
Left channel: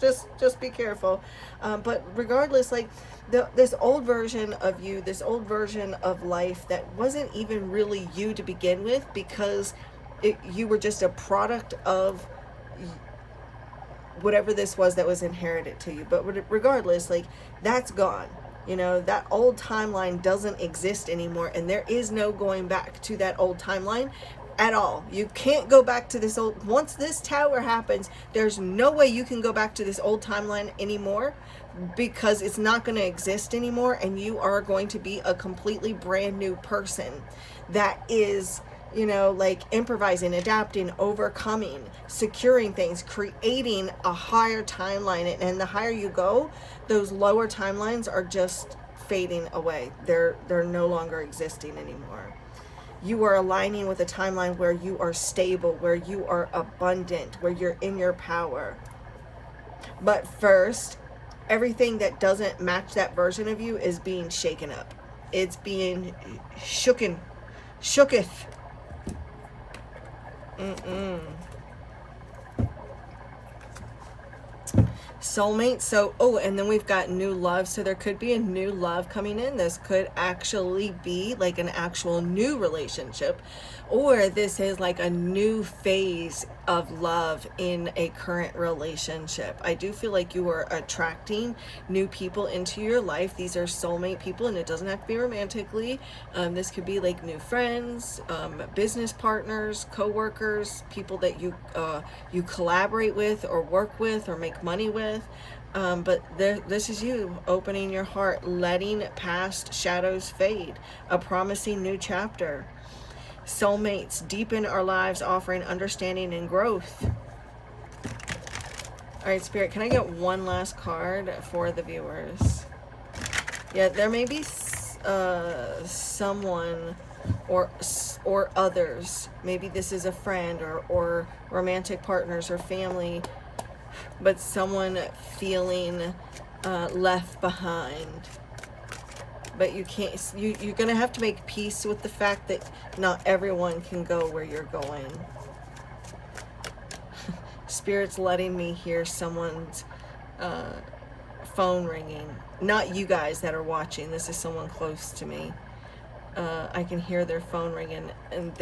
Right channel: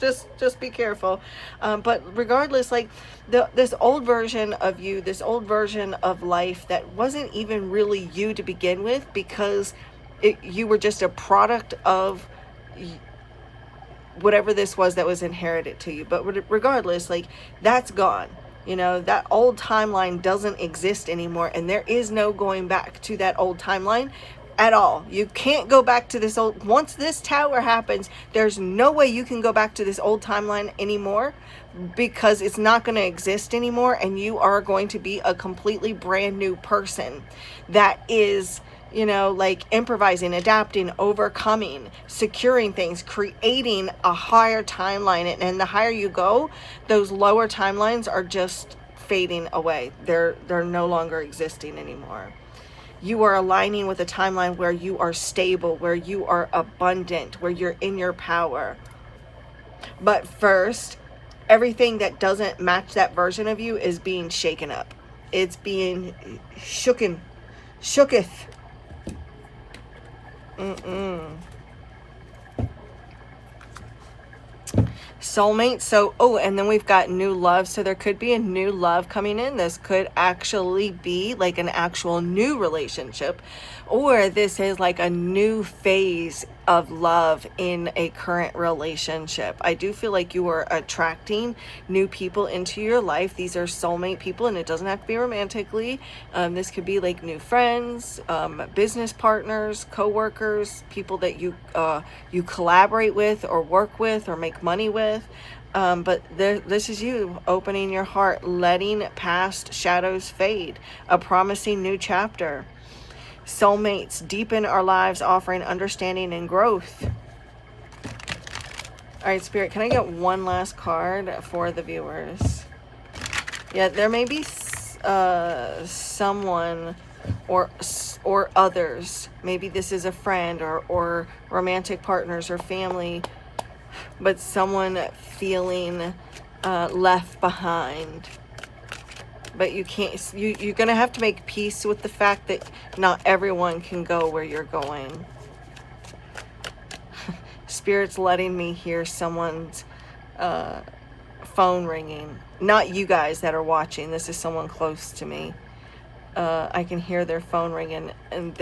Just be careful. But regardless, like this old version of you, this old version of life that wasn't even really you to begin with, because you were just a product of whatever this was that was inherited to you. But regardless, like that's gone. You know, that old timeline doesn't exist anymore, and there is no going back to that old timeline at all. You can't go back to this old, once this tower happens, there's no way you can go back to this old timeline anymore, because it's not going to exist anymore, and you are going to be a completely brand new person that is, you know, like improvising, adapting, overcoming, securing things, creating a higher timeline. And the higher you go, those lower timelines are just fading away. They're no longer existing anymore. You are aligning with a timeline where you are stable, where you are abundant, where you're in your power. But first, everything that doesn't match that version of you is being shaken up. It's being shooketh. Soulmate. So, oh, and then we've got new love. So there could be a new love coming in. This could actually be like an actual new relationship, or this is like a new phase of love in a current relationship. I do feel like you are attracting new people into your life. These are soulmate people, and it doesn't have to be romantically. This could be like new friends, business partners, co-workers, people that you collaborate with or work with or make money with. But this is you opening your heart, letting past shadows fade, a promising new chapter. Soulmates deepen our lives, offering understanding and growth. All right, Spirit, can I get one last card for the viewers? Yeah, there may be someone or others. Maybe this is a friend or romantic partners or family, but someone feeling left behind. But you can't, you're going to have to make peace with the fact that not everyone can go where you're going. Spirit's letting me hear someone's phone ringing. Not you guys that are watching. This is someone close to me. I can hear their phone ringing, and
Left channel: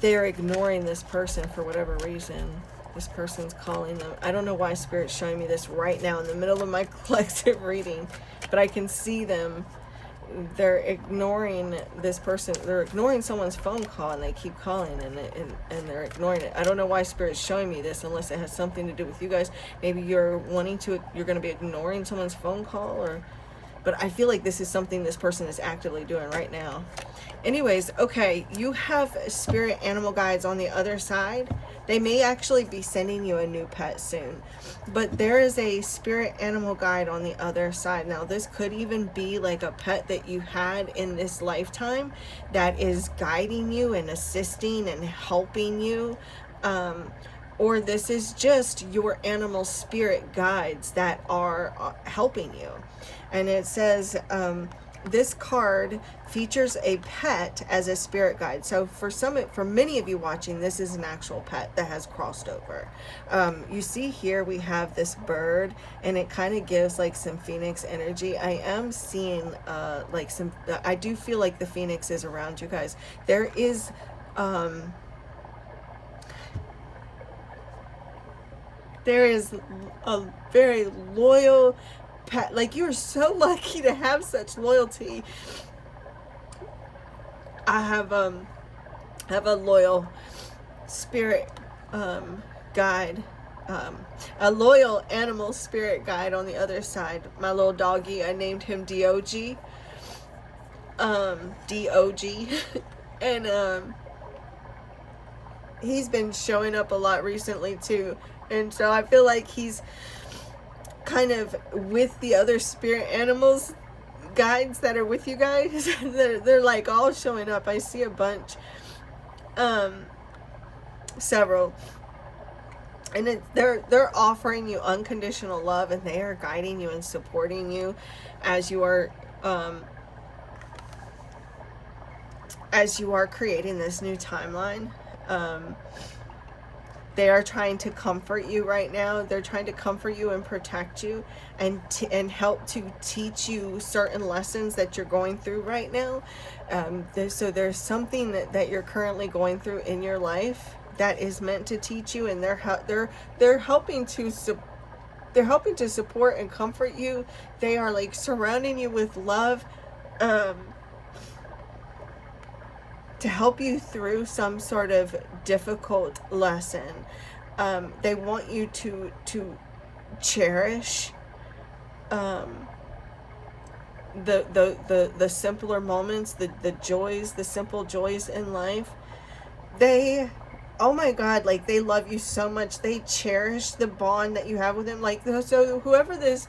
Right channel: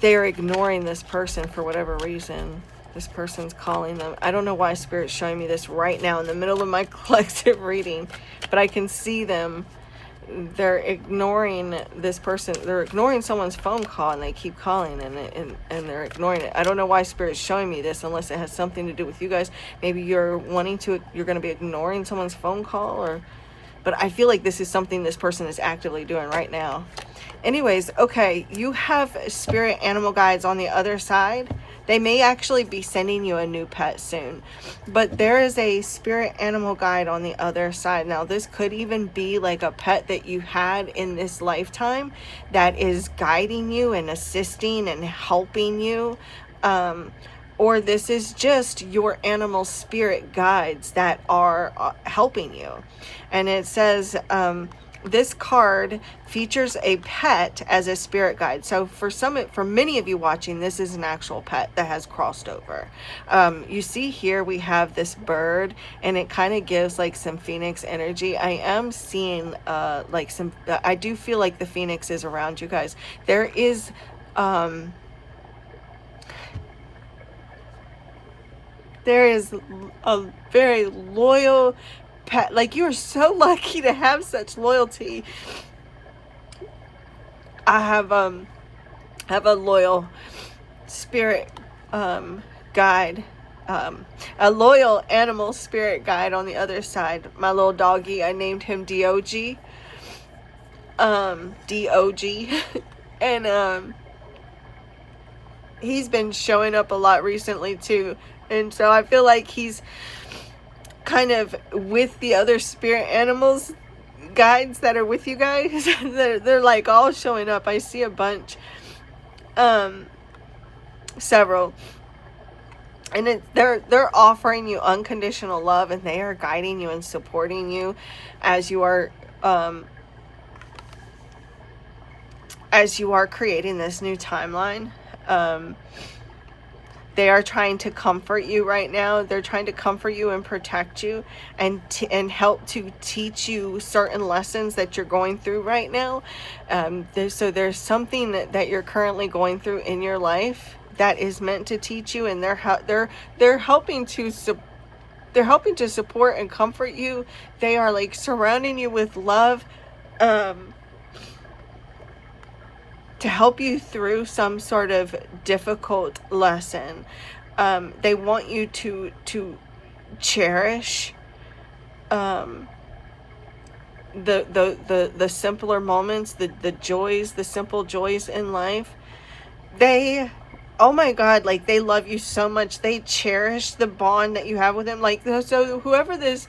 they're ignoring this person for whatever reason. This person's calling them. I don't know why Spirit's showing me this right now in the middle of my collective reading, but I can see them. They're ignoring this person. They're ignoring someone's phone call, and they keep calling, and they're ignoring it. I don't know why Spirit's showing me this unless it has something to do with you guys. Maybe you're going to be ignoring someone's phone call, but I feel like this is something this person is actively doing right now. Anyways, okay, you have spirit animal guides on the other side. They may actually be sending you a new pet soon, but there is a spirit animal guide on the other side. Now, this could even be like a pet that you had in this lifetime that is guiding you and assisting and helping you. Or this is just your animal spirit guides that are helping you. And it says, this card features a pet as a spirit guide. So for many of you watching, this is an actual pet that has crossed over. You see here we have this bird, and it kind of gives like some phoenix energy. I am seeing like some, I do feel like the phoenix is around you guys. There is a very loyal pet. Like, you're so lucky to have such loyalty. I have a loyal spirit guide, a loyal animal spirit guide on the other side. My little doggy, I named him DOG, and he's been showing up a lot recently too, and so I feel like he's kind of with the other spirit animals guides that are with you guys. they're like all showing up. I see a bunch, several, and they're offering you unconditional love, and they are guiding you and supporting you as you are creating this new timeline. They are trying to comfort you right now. They're trying to comfort you and protect you, and help to teach you certain lessons that you're going through right now. So there's something that you're currently going through in your life that is meant to teach you, and they're helping to support and comfort you. They are like surrounding you with love, to help you through some sort of difficult lesson. They want you to cherish the simpler moments, the joys, the simple joys in life. Oh my God, like, they love you so much. They cherish the bond that you have with them. Like, so whoever this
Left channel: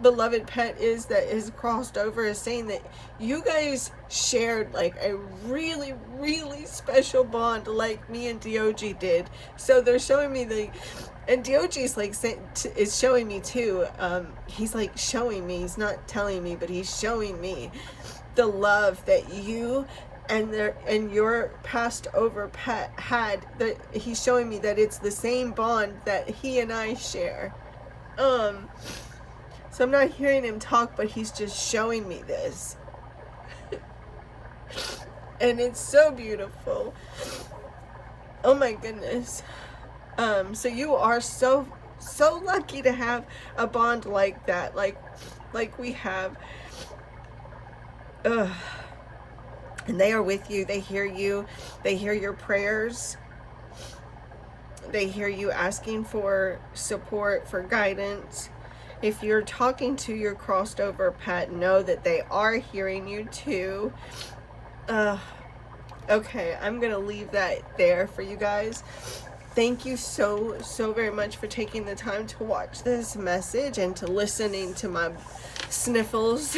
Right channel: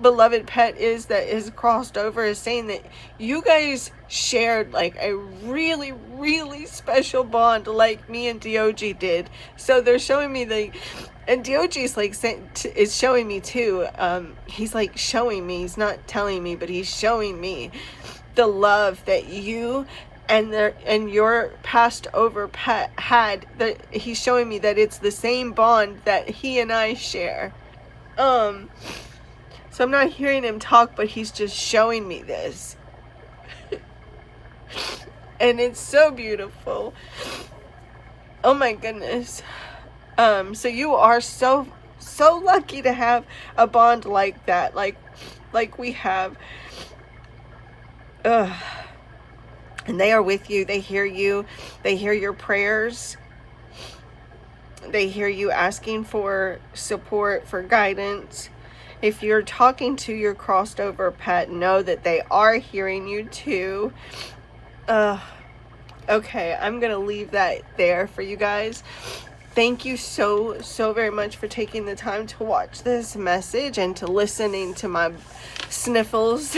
beloved pet is that is crossed over is saying that you guys shared like a really, really special bond, like me and DOG did. So they're showing me and DOG is like is showing me too. He's like showing me. He's not telling me, but he's showing me the love that you and your passed over pet had. That he's showing me that it's the same bond that he and I share. So I'm not hearing him talk, but he's just showing me this. And it's so beautiful. Oh my goodness. So you are so lucky to have a bond like that, like we have. And they are with you. They hear you. They hear your prayers. They hear you asking for support, for guidance. If you're talking to your crossed over pet, know that they are hearing you too. Okay, I'm going to leave that there for you guys. thank you so very much for taking the time to watch this message and to listening to my sniffles.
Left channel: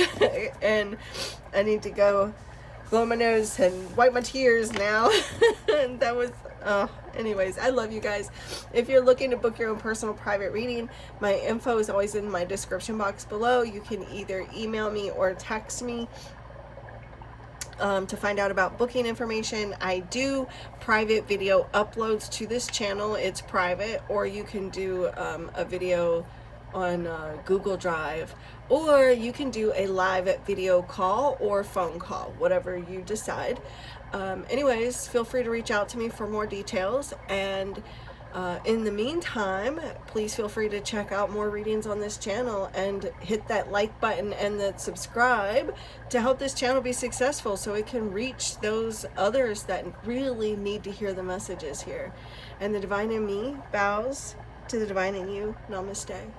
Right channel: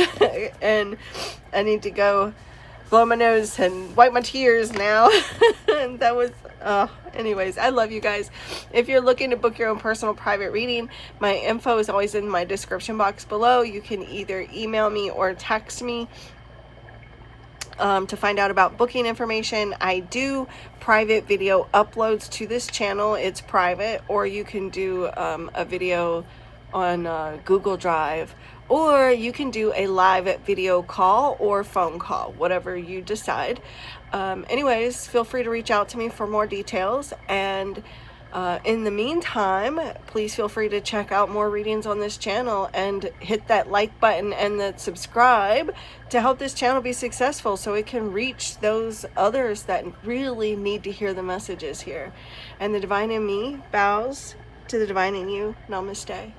And I need to go blow my nose and wipe my tears now. And that was anyways, I love you guys. If you're looking to book your own personal private reading, my info is always in my description box below. You can either email me or text me to find out about booking information. I do private video uploads to this channel. It's private, or you can do a video on Google Drive, or you can do a live video call or phone call, whatever you decide. Anyways, feel free to reach out to me for more details, and in the meantime, please feel free to check out more readings on this channel and hit that like button and the subscribe to help this channel be successful, so it can reach those others that really need to hear the messages here. And the divine in me bows to the divine in you. Namaste.